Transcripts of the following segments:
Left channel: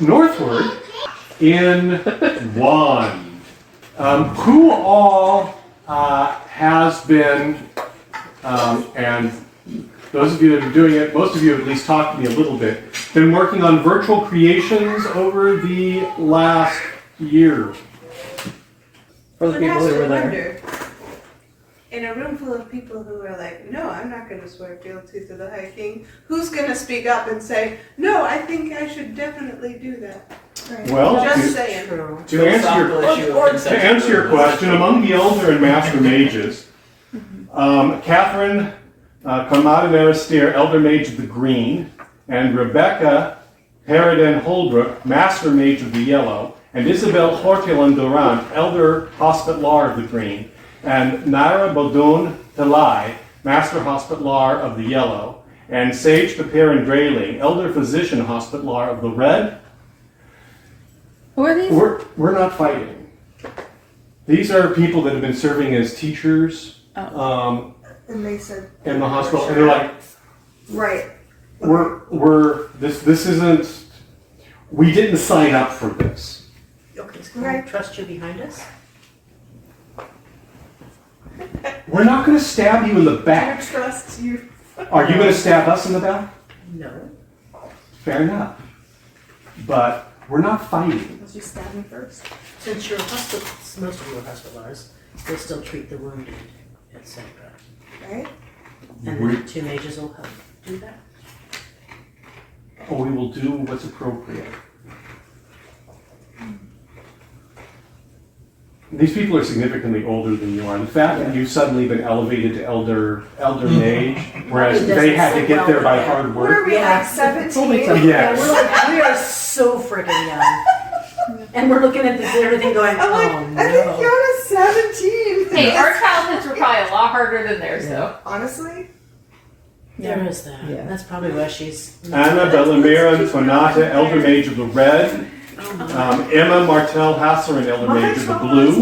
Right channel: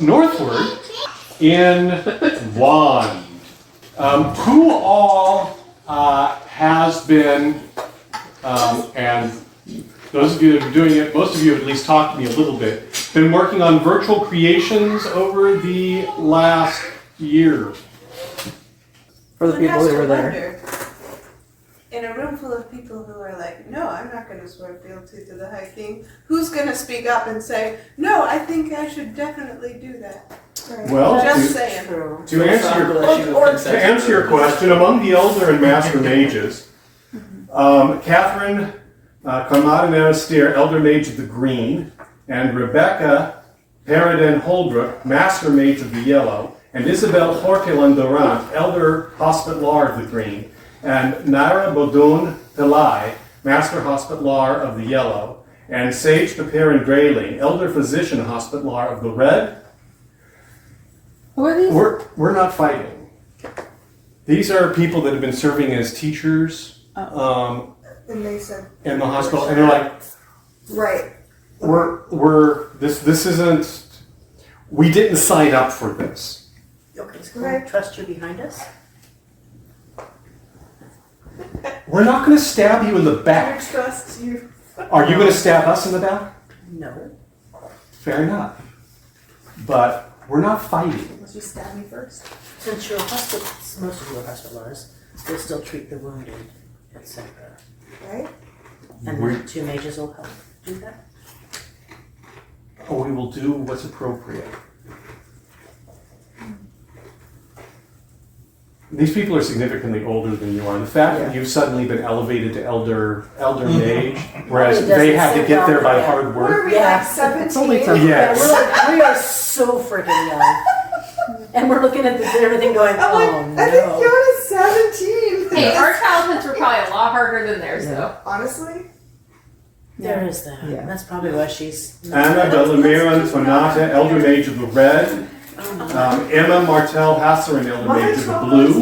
northward in Wand. Who all has been, and those of you that are doing it, most of you have at least talked to me a little bit, been working on virtual creations over the last year. For the people who were there. In a room full of people who are like, no, I'm not going to swear fealty to the High King, who's going to speak up and say, no, I think I should definitely do that? Right. Well, just saying. To answer your question, among the Elder and Master Mages, Catherine Conrad-Arister, Elder Mage of the Green, and Rebecca Periden Holbrook, Master Mage of the Yellow, and Isabel Hortelin Durant, Elder Hospitlar of the Green, and Naira Bodun Pillai, Master Hospitlar of the Yellow, and Sage Papirin Drayling, Elder Physician Hospitlar of the Red. Who are these? We're not fighting. These are people that have been serving as teachers And they said in the hospital, and they're like, right. This isn't, we didn't sign up for this. Okay, so can I trust you behind us? We're not going to stab you in the back. I trust you. Are you going to stab us in the back? No. Fair enough. But we're not fighting. Let's just stab me first. Since you're a hospital, most of you are hospitalars, they'll still treat the wounded, etc. Right? And then 2 mages will help do that. Oh, we will do what's appropriate. These people are significantly older than you are. And the fact that you've suddenly been elevated to elder mage, whereas they had to get there by hard What are work. we, like 17? Yes. Yeah, we are so freaking young. And we're looking at this everything going, I'm oh like, no. I think Fiona's 17. Hey, our childhoods were probably a lot harder than theirs, though. Honestly? There is that. Yeah. That's probably why she's... Anna Bellamira Tonata, Elder Mage of the Red. Emma Martel Hasserin, Elder Mage of the Blue.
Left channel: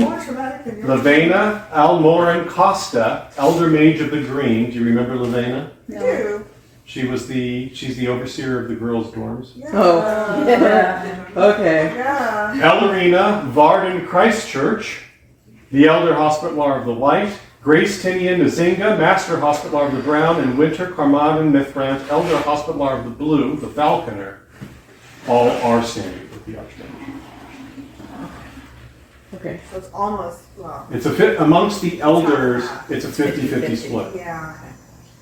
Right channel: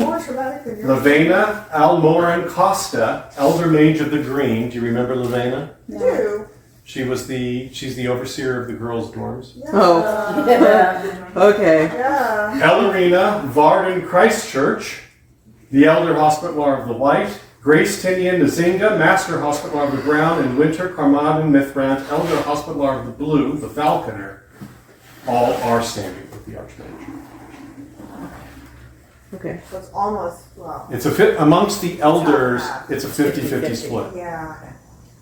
Lavena Almorin Costa, Elder Mage of the Green. Do you remember Lavena? I do. She's the overseer of the girls' dorms. Yeah. Oh, yeah. Okay. Yeah. Ellerina Varden Christchurch, the Elder Hospitlar of the White. Grace Tinian Nzinga, Master Hospitlar of the Brown, and Winter Carmarthen Mithrant, Elder Hospitlar of the Blue, the Falconer. All are standing with the Archmage. Okay. So it's almost, well, It's amongst the elders, it's a 50-50 split. yeah.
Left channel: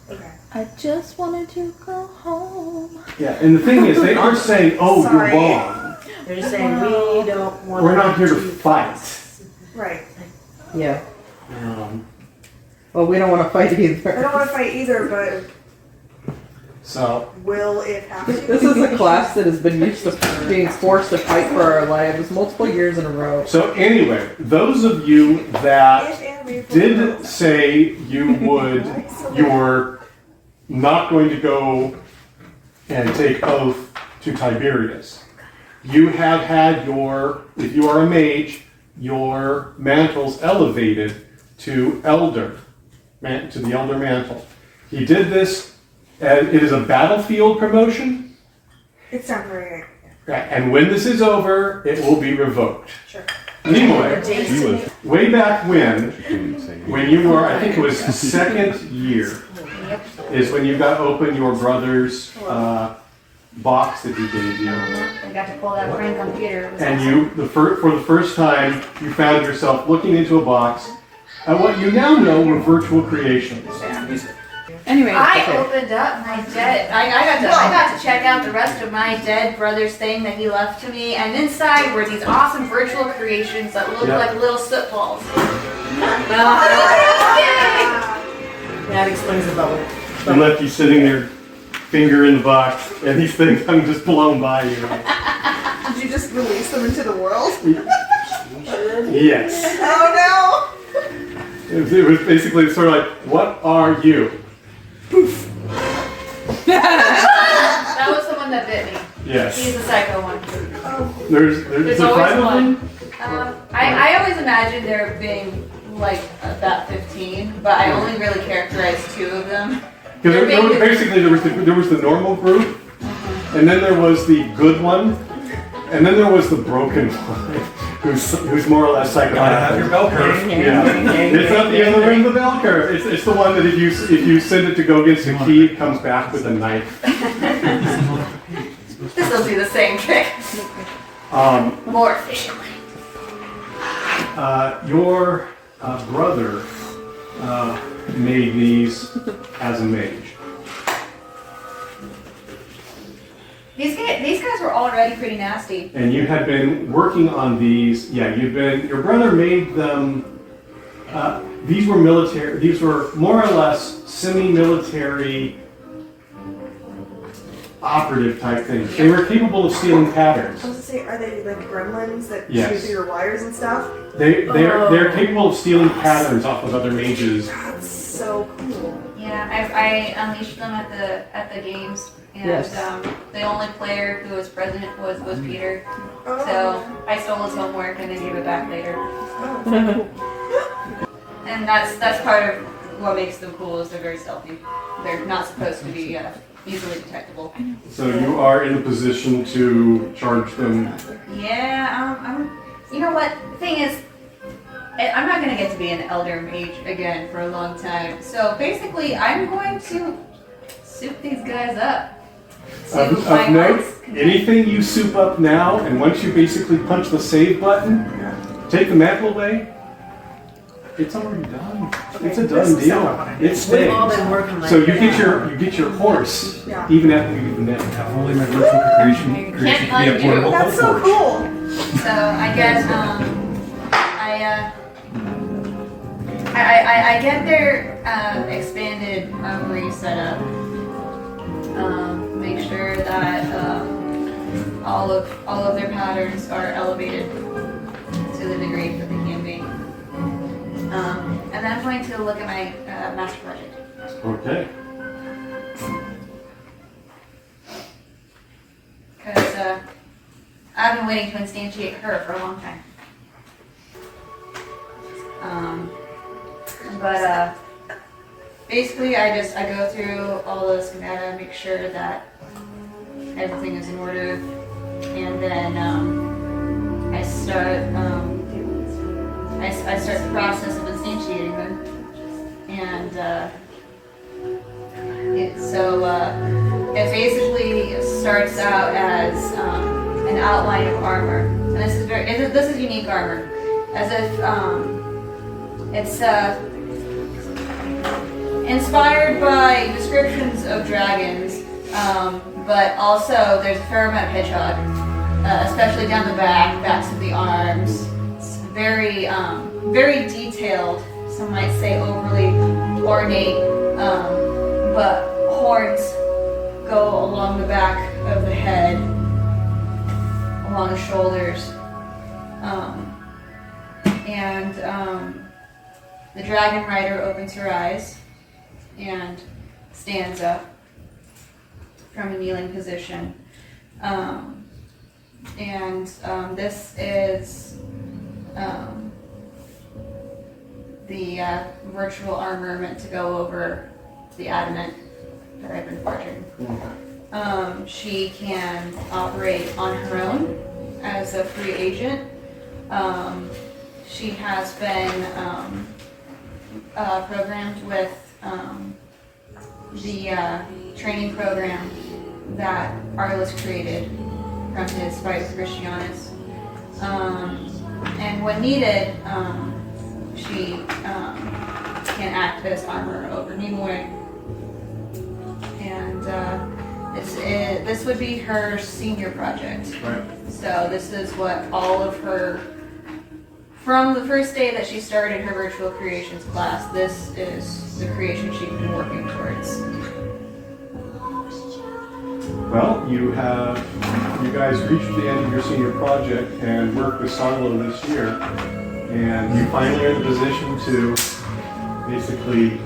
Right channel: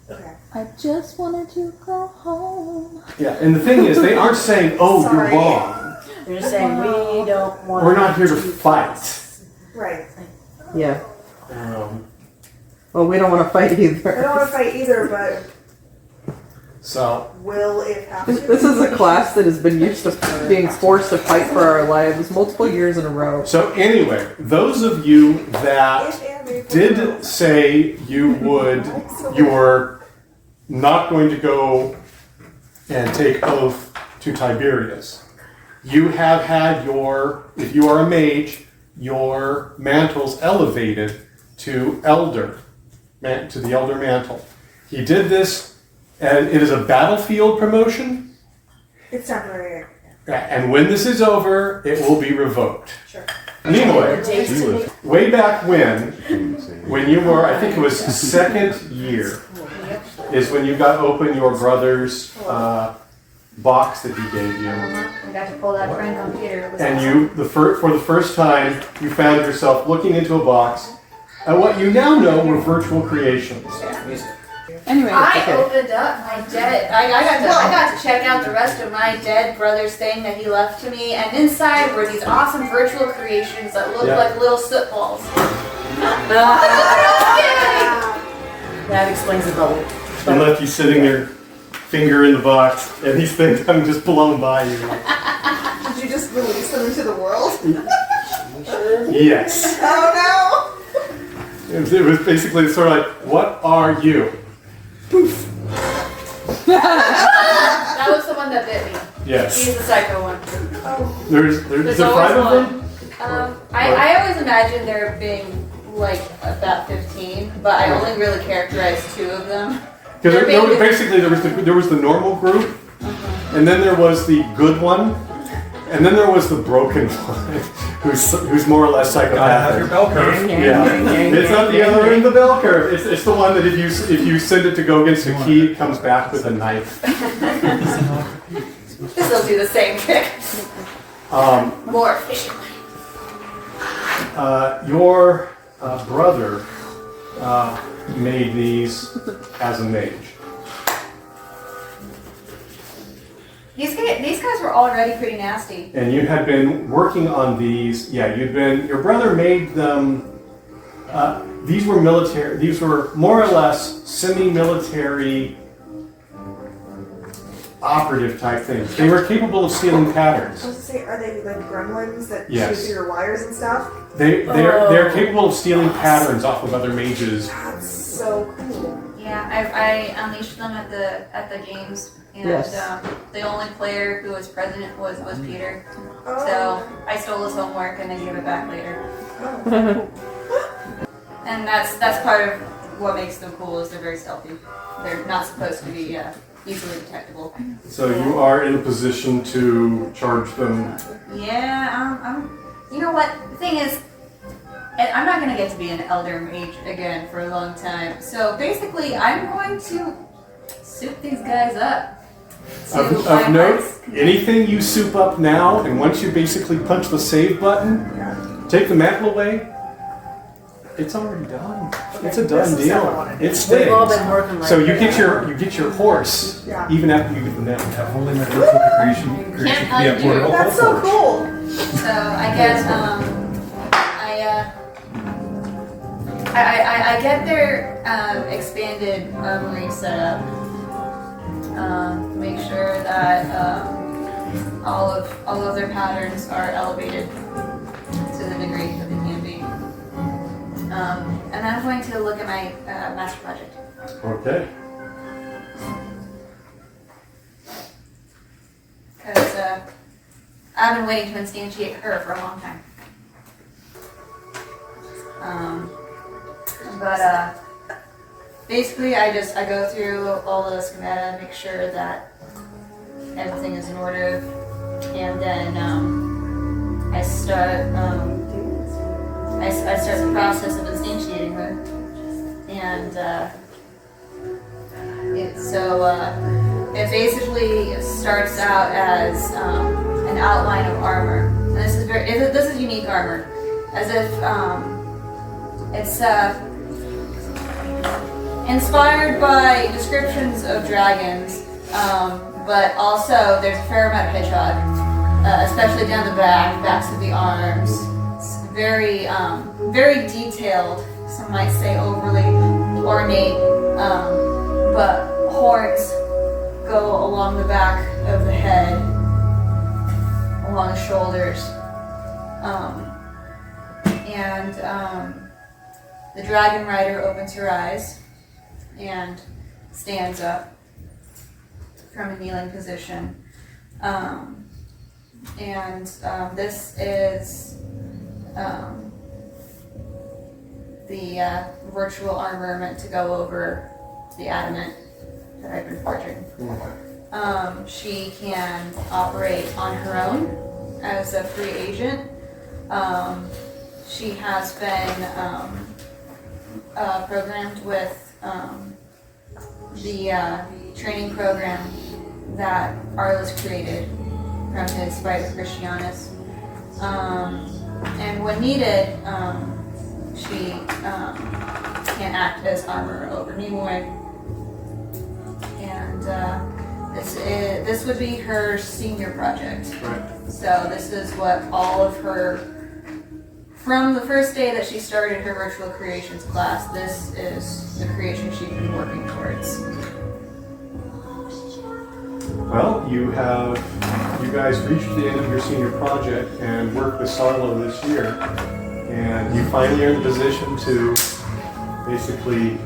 Okay. I just wanted to go home. Yeah, and the thing is, they aren't saying, oh, Sorry. you're wrong. They're saying we don't want We're not here to fight. Right. Yeah. Um, Well, we don't want to fight I don't either. want to fight either, but so, will it happen? This is a class that has been used to being forced to fight for our lives multiple years in a row. so anyway, those of you that did say you're not going to go and take oath to Tiberius. You have had if you are a mage, your mantles elevated to the elder mantle. He did this, and it is a battlefield promotion. It's temporary. And when this is over, it will be revoked. Sure. Anyway, way back when you were, I think it was second year, is when you got open your brother's box that he gave you. I got to pull that friend computer. It was And awesome. for the first time, you found yourself looking into a box at what you now know were virtual creations. Anyway, I okay. opened up my dead. I got to check out the rest of my dead brother's thing that he left to me, and inside were these awesome virtual creations that look like little soot balls. That explains the bubble. And left you sitting there, finger in the box, and these things I'm just blown by you. Did you just release them into the world? Yes. Oh It was basically sort of like, what are you? Poof. That was the one that bit me. Yes. He's the psycho one. There's There's a always five of one. them? I always imagined there being like about 15, but I only really characterized 2 of them. Because there was the normal group, and then there was the good one, And then there was the broken one, who's more or less psychopathic. Gotta have your bell curve. Yeah, it's not the other end of the bell curve. It's the one that if you send it to go against a key, it comes back with a knife. This will do the same trick. More efficiently. Your brother made these as a mage. These guys were already pretty nasty. And you had been working on these. Yeah, your brother made them. These were military. These were more or less semi-military operative type things. They were capable of stealing patterns. I was to say, are they the gremlins that Yes. shoot through your wires and stuff? They're capable of stealing patterns off of other mages. That's so cool. Yeah, I unleashed them at the games, and Yes. the only player who was present was Peter. Oh. So I stole his homework and then gave it back later. Oh. And that's part of what makes them cool is they're very stealthy. They're not supposed to be easily detectable. So you are in a position to charge them. Yeah, you know what? The thing is, I'm not going to get to be an elder mage again for a long time. So basically, I'm going to soup these guys up. Of note, anything you soup up now, and once you basically punch the save button, take the mantle away, it's already done. It's a This done is stuff I deal. wanna do. It We've stays. all been working like So you that. get your horse, Yeah. even after you get the mantle. If only my virtual creation Can't could be a undo. portable That's so forge. cool. So I guess I get their expanded armory set up. Make sure that all of their patterns are elevated to the degree that they can be. And then I'm going to look at my master project. Okay. Because I've been waiting to instantiate her for a long time. But basically I go through all the schemata, make sure that everything is in order, and then I start the process of instantiating her, and it basically starts out as an outline of armor, and this is unique armor, as if it's inspired by descriptions of dragons, but also there's a fair amount of hedgehog, especially down the backs of the arms. It's very detailed. Some might say overly ornate, but horns go along the back of the head, along the shoulders, and the dragon rider opens her eyes and stands up from a kneeling position. This is the virtual armor meant to go over the adamant that I've been forging. She can operate on her own as a free agent. She has been programmed with the training program that Arliss created from his Spider Christianus. And when needed, she can act as armor over Nimoy. And this would be her senior project. Right. So this is what all of her, from the first day that she started her virtual creations class, this is the creation she's been working towards. Well, you guys reached the end of your senior project and worked with Sarlo this year, and you finally are in the position to basically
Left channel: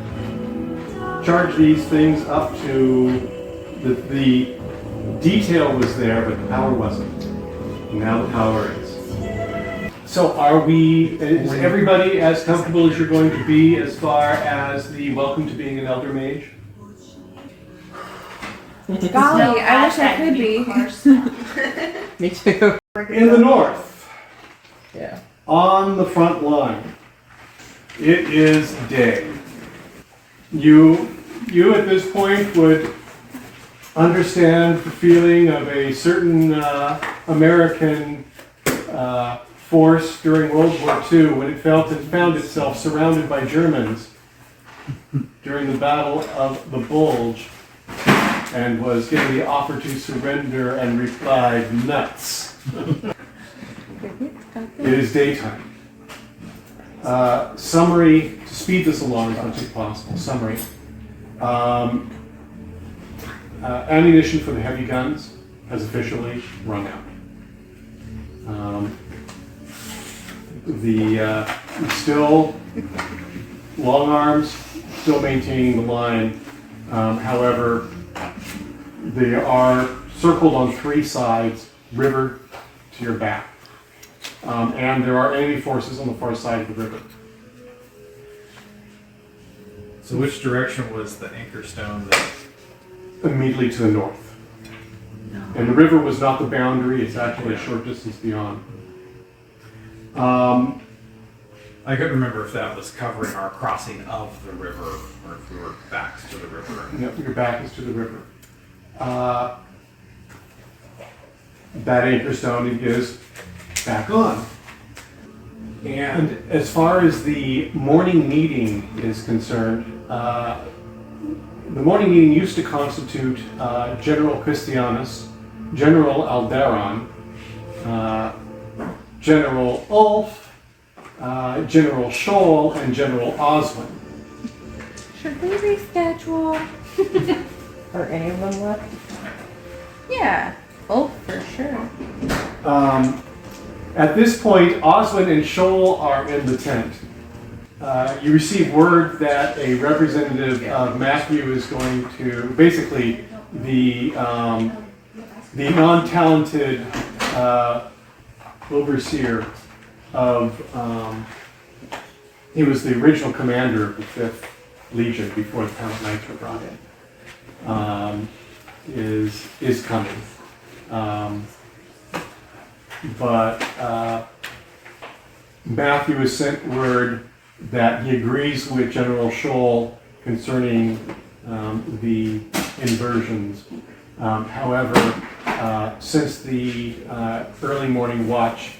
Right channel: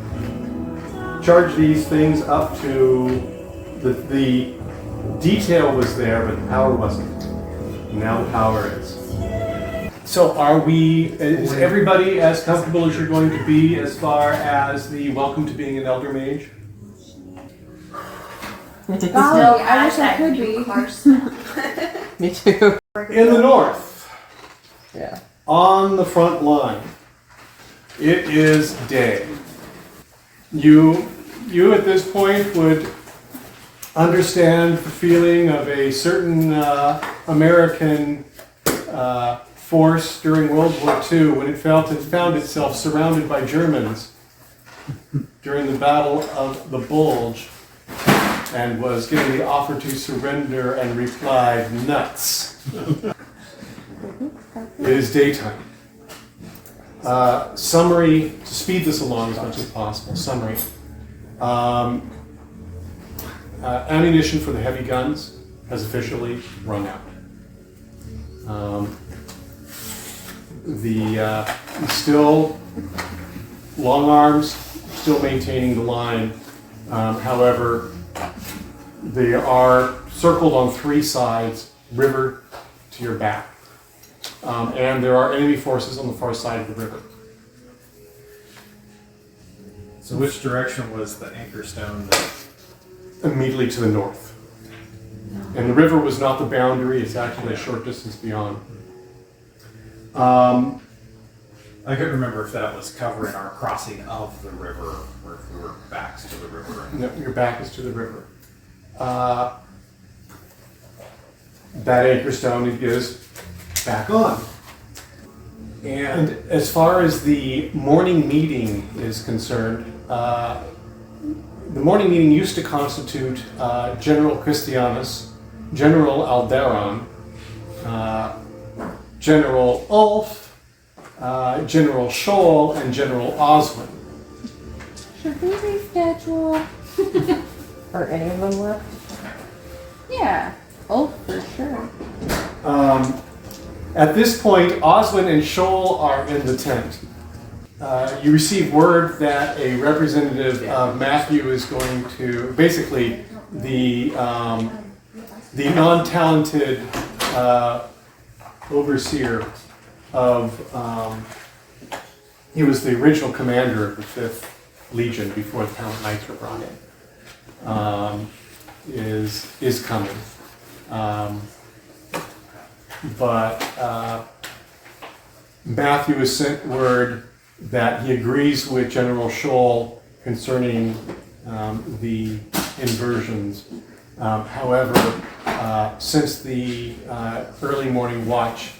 charge these things up to the detail was there, but the power wasn't. Now the power is. So is everybody as comfortable as you're going to be as far as the welcome to being an Elder Mage? Golly, I wish I could be. Me too. In the north, Yeah. on the front line, it is day. You at this point would understand the feeling of a certain American force during World War II when it found itself surrounded by Germans during the Battle of the Bulge and was given the offer to surrender and replied, nuts. It is daytime. Summary, to speed this along as much as possible, summary. Ammunition for the heavy guns has officially run out. Still long arms, still maintaining the line. However, they are circled on 3 sides, river to your back. And there are enemy forces on the far side of the river. So which direction was the anchor stone? Immediately to the north. And the river was not the boundary, it's actually a short distance beyond. I couldn't remember if that was covering our crossing of the river or if we were backs to the river. No, your back is to the river. That anchor stone is back on. And as far as the morning meeting is concerned, the morning meeting used to constitute General Christianus, General Alderon, General Ulf, General Scholl, and General Oswin. Should we reschedule? Are any of them left? Yeah. Oh, for sure. At this point, Oswin and Scholl are in the tent. You receive word that a representative of Matthew is going to, basically, the non-talented overseer of, he was the original commander of the 5th Legion before the Palant Knights were brought in, is coming. But Matthew has sent word that he agrees with General Scholl concerning the inversions. However, since the early morning watch,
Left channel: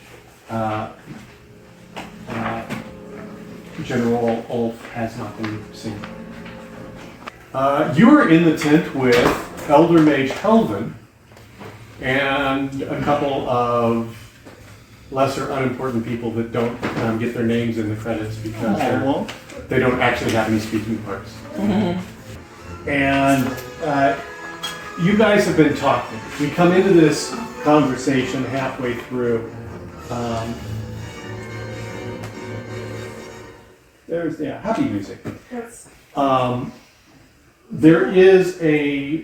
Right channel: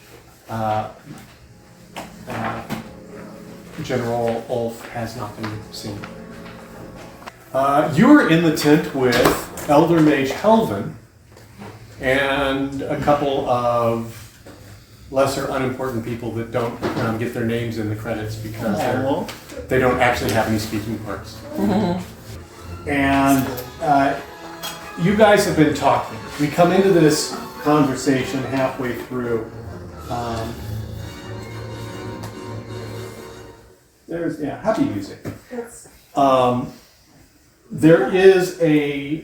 General Ulf has not been seen. You are in the tent with Elder Mage Helvin and a couple of lesser unimportant people that don't get their names in the credits because they don't actually have any speaking parts. And you guys have been talking. We come into this conversation halfway through. There's happy music. There is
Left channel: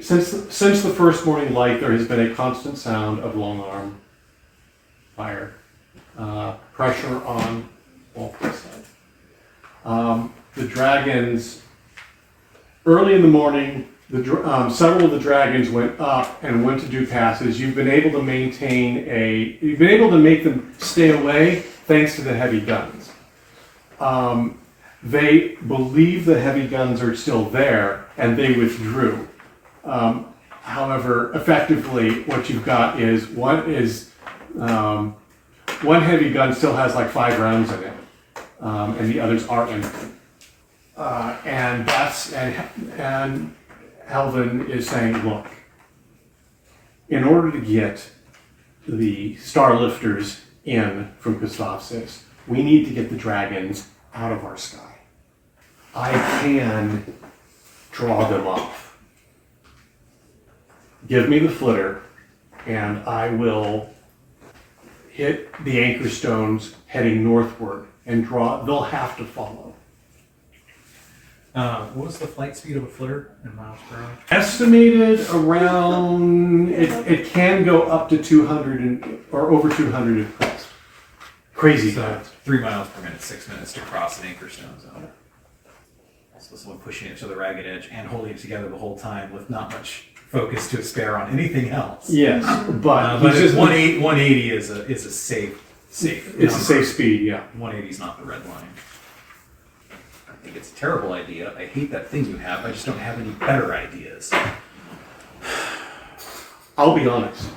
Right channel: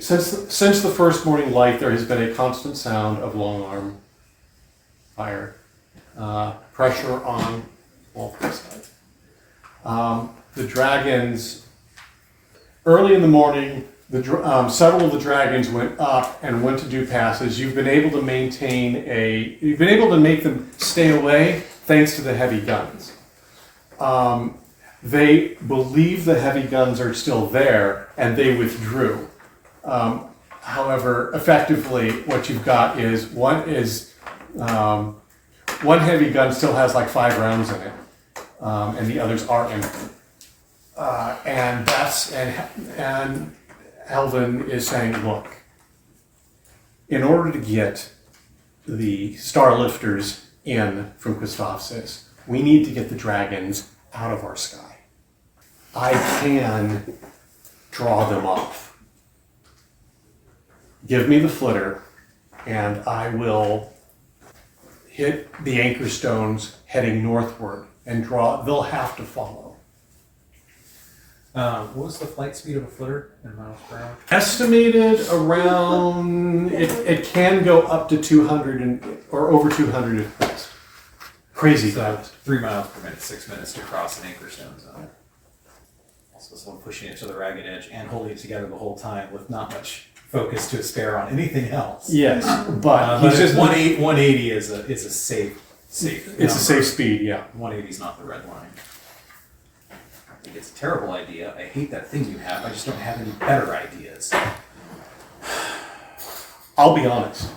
since the first morning light, there has been a constant sound of long arm fire. Pressure on both sides. The dragons, early in the morning, several of the dragons went up and went to do passes. You've been able to make them stay away thanks to the heavy guns. They believe the heavy guns are still there and they withdrew. However, effectively, what you've got is one heavy gun still has like 5 rounds in it, and the others are empty. And Helvin is saying, look, in order to get the Starlifters in from Gustavus, we need to get the dragons out of our sky. I can draw them off. Give me the flitter, and I will hit the anchor stones heading northward and draw. They'll have to follow. What was the flight speed of a flitter in miles per hour? Estimated around, it can go up to 200 or over 200 at crest. Crazy So fast. 3 miles per minute, 6 minutes to cross an anchor stone zone. So someone pushing it to the ragged edge and holding it together the whole time with not much focus to spare on anything else. Yes, but But he's just 180 is a safe. It's a safe speed, yeah. 180 is not the red line. I think it's a terrible idea. I hate that thing you have. I just don't have any better ideas. I'll be honest,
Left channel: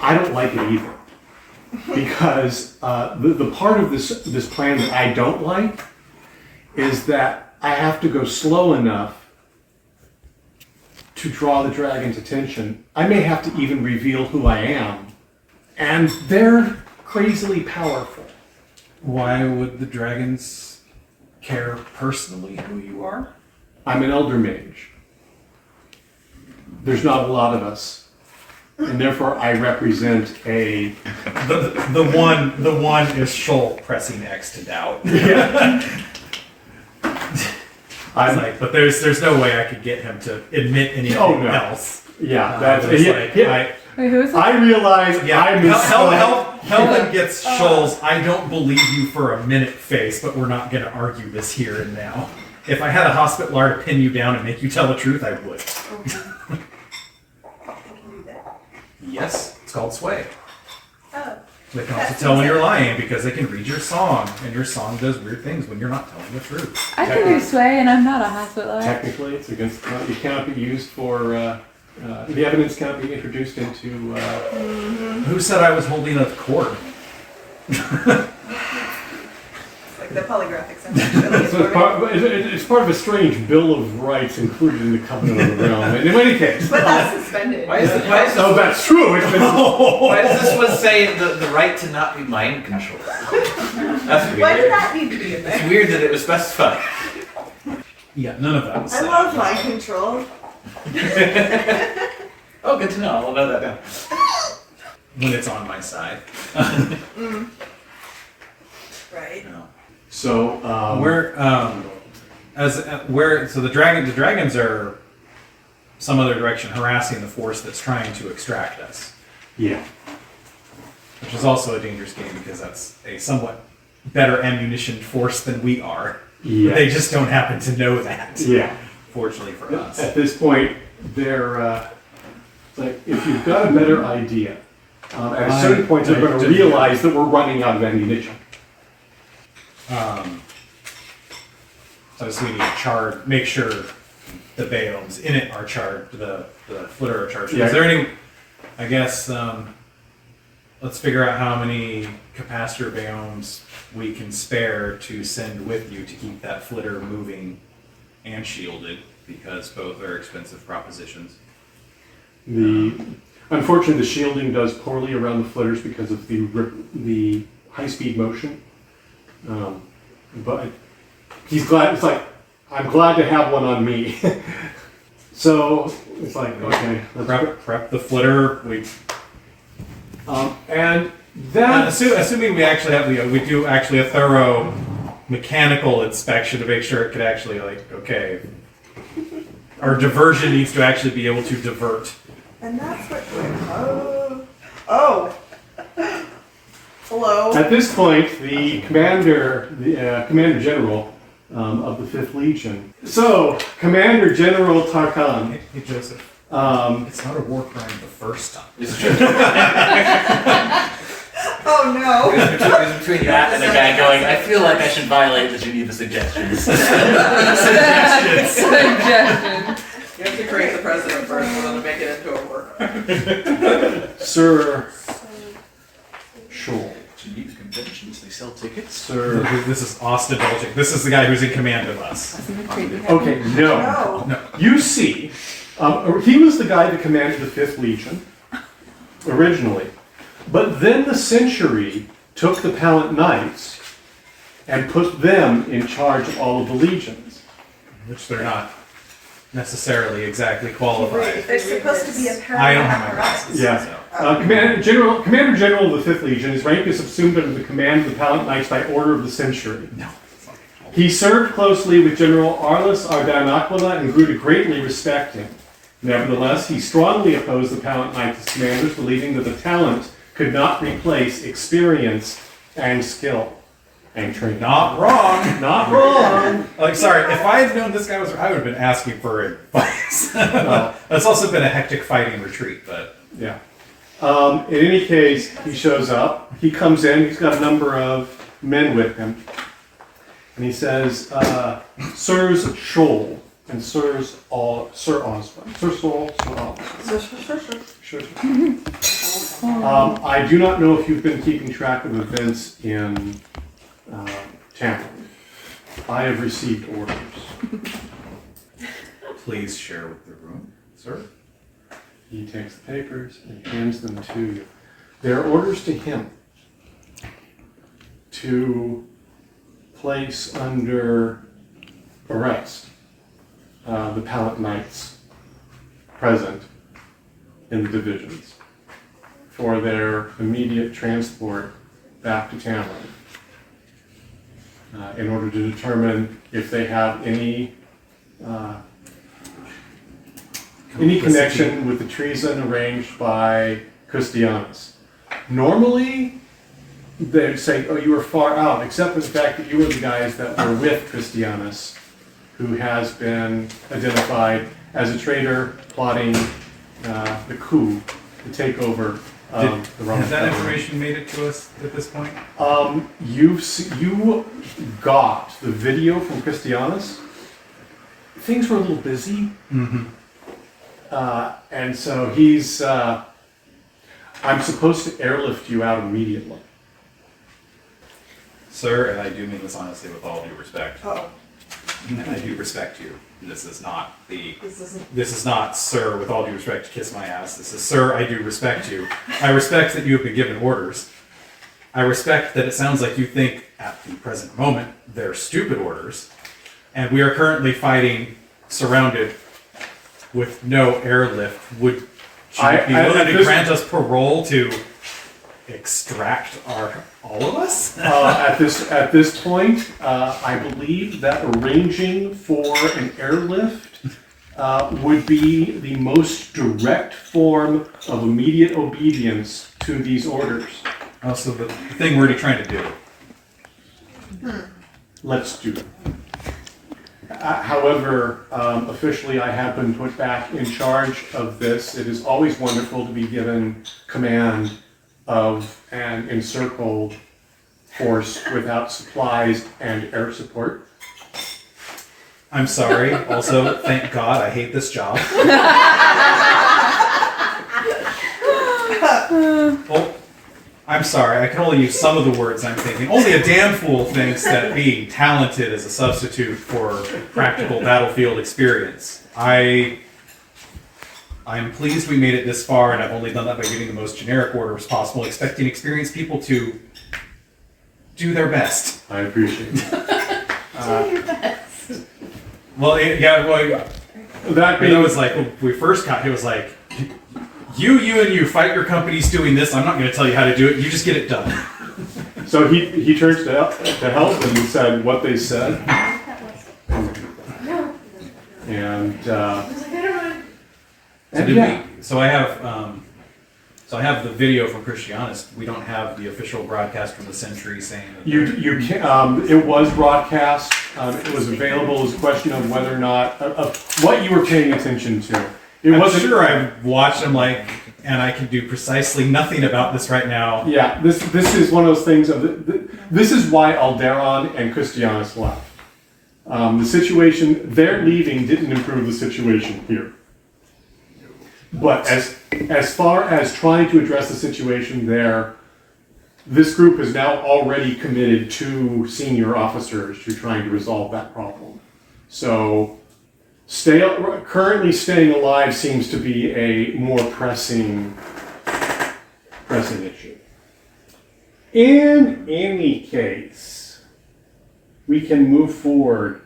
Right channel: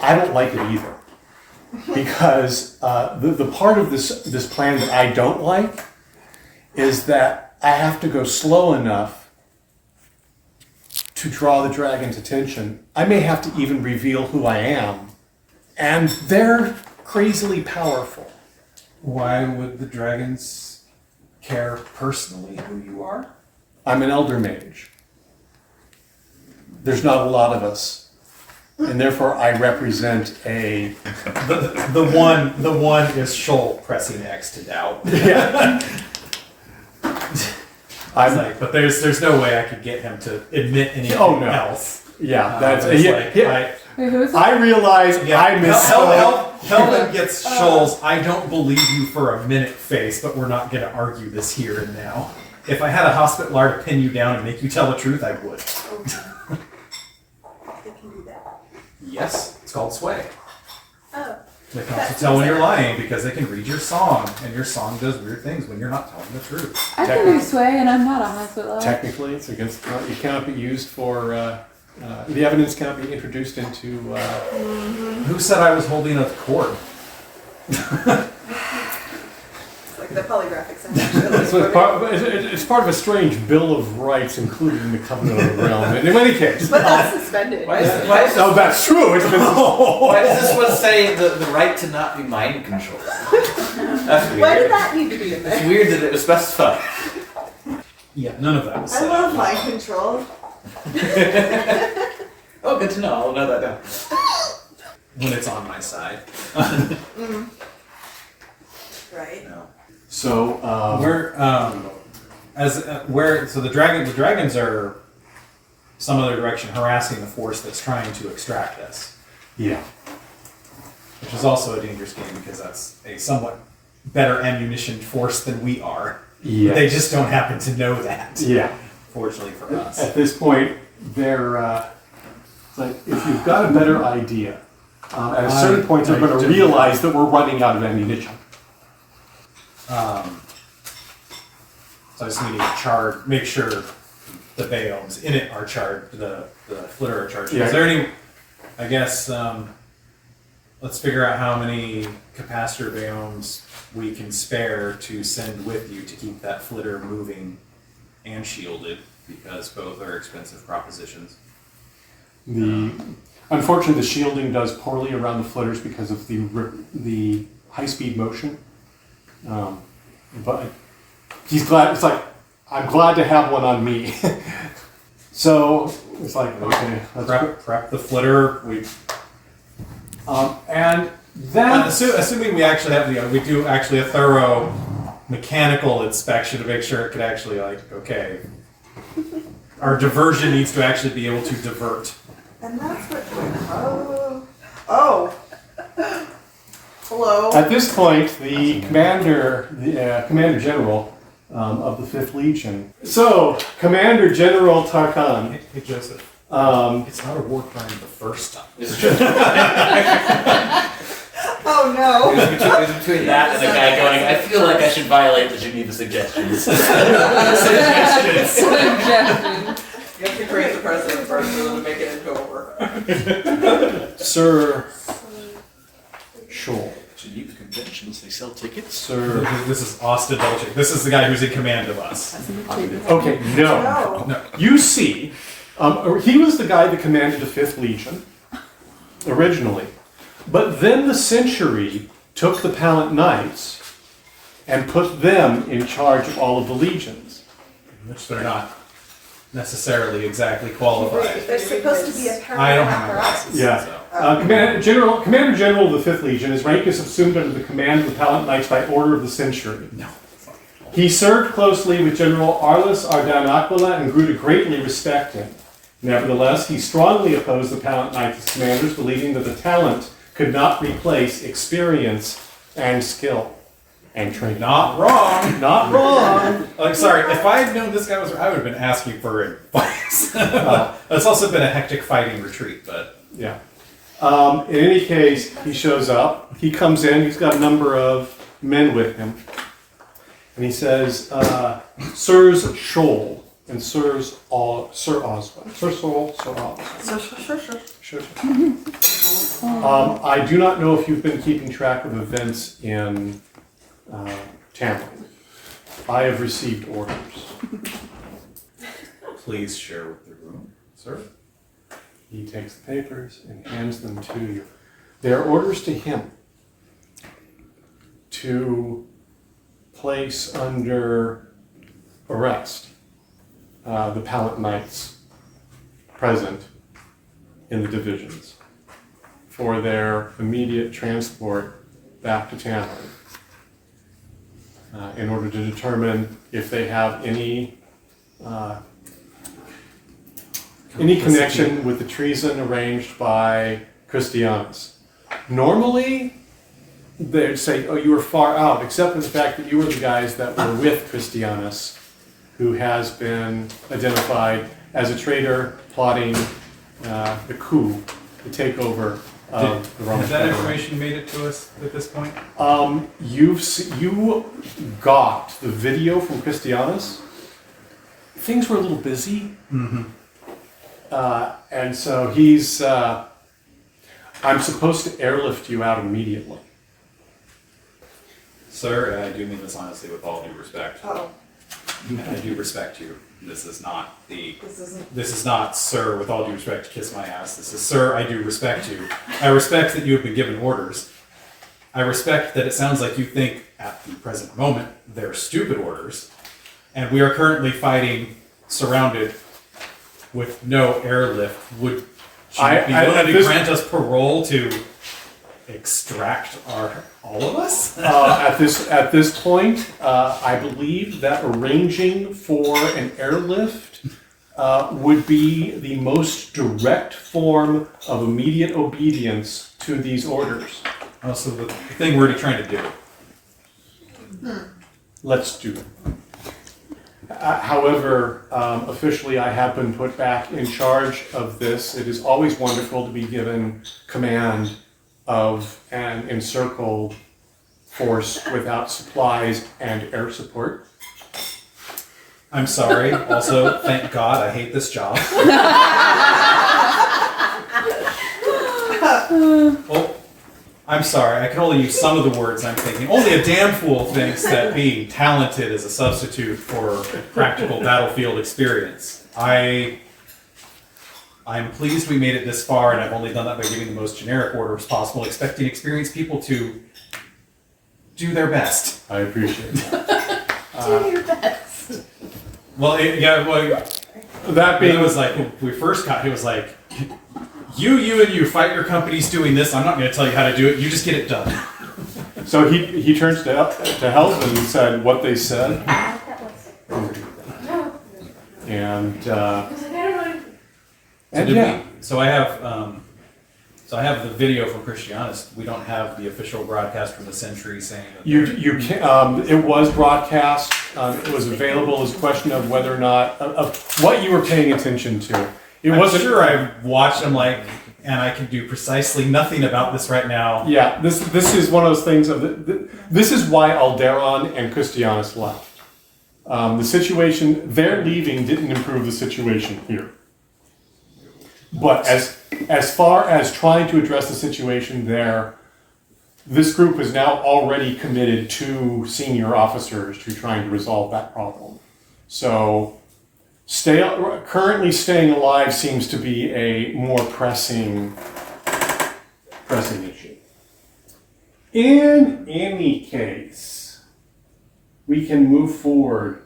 I don't like it either. Because the part of this plan that I don't like is that I have to go slow enough to draw the dragon's attention. I may have to even reveal who I am. And they're crazily powerful. Why would the dragons care personally who you are? I'm an elder mage. There's not a lot of us. And therefore I represent a... The one is Scholl pressing X to doubt. Yeah. I'm like, but there's no way I could get him to admit anything else. Yeah, that's... It's yeah, like, yeah. Wait, who is that? I realize I misspoke. Helden gets Scholl's I don't believe you for a minute face, but we're not going to argue this here and now. If I had a Hospitlar to pin you down and make you tell the truth, I would. They can do that. Yes, it's called sway. Oh. They can also tell when you're lying because they can read your song, and your song does weird things when you're not telling the truth. I can do sway, and I'm not a hospital. Technically, it's against... It cannot be used for... the evidence cannot be introduced into... Who said I was holding a cord? It's like the polygraph exam. It's part of a strange Bill of Rights included in the Covenant of the Realm. And in any case... But that's suspended. Why is Oh, that's true! It's been... why does this one say the right to not be mind controlled? That's weird. Why did that need to be in It's there? weird that it was specified. Yeah, none of that was I said. love mind control. Oh, good to know. I'll note that down. When it's on my side. Right. No. So, So the dragons are some other direction harassing the force that's trying to extract us, yeah. which is also a dangerous game because that's a somewhat better ammunitioned force than we are. Yes. They just don't happen to know that. Yeah. Fortunately for us. At this point, they're... it's like, if you've got a better idea, at a certain point they're going to realize that we're running out of ammunition. So I just need to make sure the biomes in it are charged, the flitter are charged. Yeah. Is there any, I guess, let's figure out how many capacitor biomes we can spare to send with you to keep that flitter moving and shielded, because both are expensive propositions. Unfortunately, the shielding does poorly around the flitters because of the high-speed motion. But he's glad. It's like, I'm glad to have one on me. So it's like, okay, let's Prep the flitter. and then Assuming we actually have we do actually a thorough mechanical inspection to make sure it could actually okay. Our diversion needs to actually be able to divert. And that's what. Oh. Hello. At this point, the commander general of the 5th Legion. So, Commander General Tarkan. Hey Joseph, it's not a war crime the first time. Oh no. It was between that and the guy going, I feel like I should violate the Geneva Suggestions. Suggestions. You have to create the precedent first and then make it into a work. Sir Scholl. Geneva Conventions, they sell tickets? Sir. This is Austin Dolchik. This is the guy who's in command of us. Okay, no. No. You see, he was the guy that commanded the 5th Legion originally. But then the Century took the Palant Knights and put them in charge of all of the legions. Which they're not necessarily exactly qualified. They're supposed to be a I don't have my apparatus. glasses. Yeah. So. Commander General of the 5th Legion, his rank is subsumed under the command of the Palant Knights by order of the Century. No. He served closely with General Arliss Ardan Aquila and grew to greatly respect him. Nevertheless, he strongly opposed the Palant Knights as commanders, believing that the talent could not replace experience and skill. and trained. Not wrong. Not wrong. Like, sorry, if I had known this guy was, I would have been asking for advice. It's also been a hectic fighting retreat, but Yeah. In any case, he shows up. He comes in. He's got a number of men with him. And he says, Sirs Scholl and Sir Oswald. Sir Scholl, Sir Oswald. Sure. I do not know if you've been keeping track of events in Tampa. I have received orders. please share with the room, sir. He takes the papers and hands them to you. They are orders to him to place under arrest the Palant Knights present in the divisions for their immediate transport back to Tampa in order to determine if they have any connection with the treason arranged by Christianus. Normally, they'd say, oh, you were far out, except for the fact that you were the guys that were with Christianus, who has been identified as a traitor plotting the coup to take over the Roman Has that Empire. information made it to us at this point? You got the video from Christianus. Things were a little busy. Mm-hmm. And so he's, I'm supposed to airlift you out immediately. Sir, and I do mean this honestly with all due respect. Oh, And I do respect you. This is not this isn't. This is not, sir, with all due respect, kiss my ass. This is, sir, I do respect you. I respect that you have been given orders. I respect that it sounds like you think at the present moment they're stupid orders. And we are currently fighting, surrounded with no airlift. Should you be willing to grant us parole to extract all of us? At this point, I believe that arranging for an airlift would be the most direct form of immediate obedience to these orders. Oh, so the thing we're already trying to do. Let's do it. However, officially I have been put back in charge of this. It is always wonderful to be given command of an encircled force without supplies and air support. I'm sorry. Also, thank God I hate this job. Well, I'm sorry. I can only use some of the words I'm thinking. Only a damn fool thinks that being talented is a substitute for practical battlefield experience. I'm pleased we made it this far, and I've only done that by giving the most generic orders possible, expecting experienced people to do their best. I appreciate it. Do your best. Well, That it being was like, when we first got, it was like, you fight your companies doing this. I'm not going to tell you how to do it. You just get it done. so he turns to help and said what they said. And So I have the video from Christianus. We don't have the official broadcast from the Century saying that you can, it was broadcast. It was available. It was a question of whether or not what you were paying attention to. It I'm wasn't sure I've watched them and I can do precisely nothing about this right now. Yeah, this is one of those things this is why Alderon and Christianus left. The situation they're leaving didn't improve the situation here. But as far as trying to address the situation there, this group is now already committed to senior officers to trying to resolve that problem. So currently staying alive seems to be a more pressing issue. In any case, we can move forward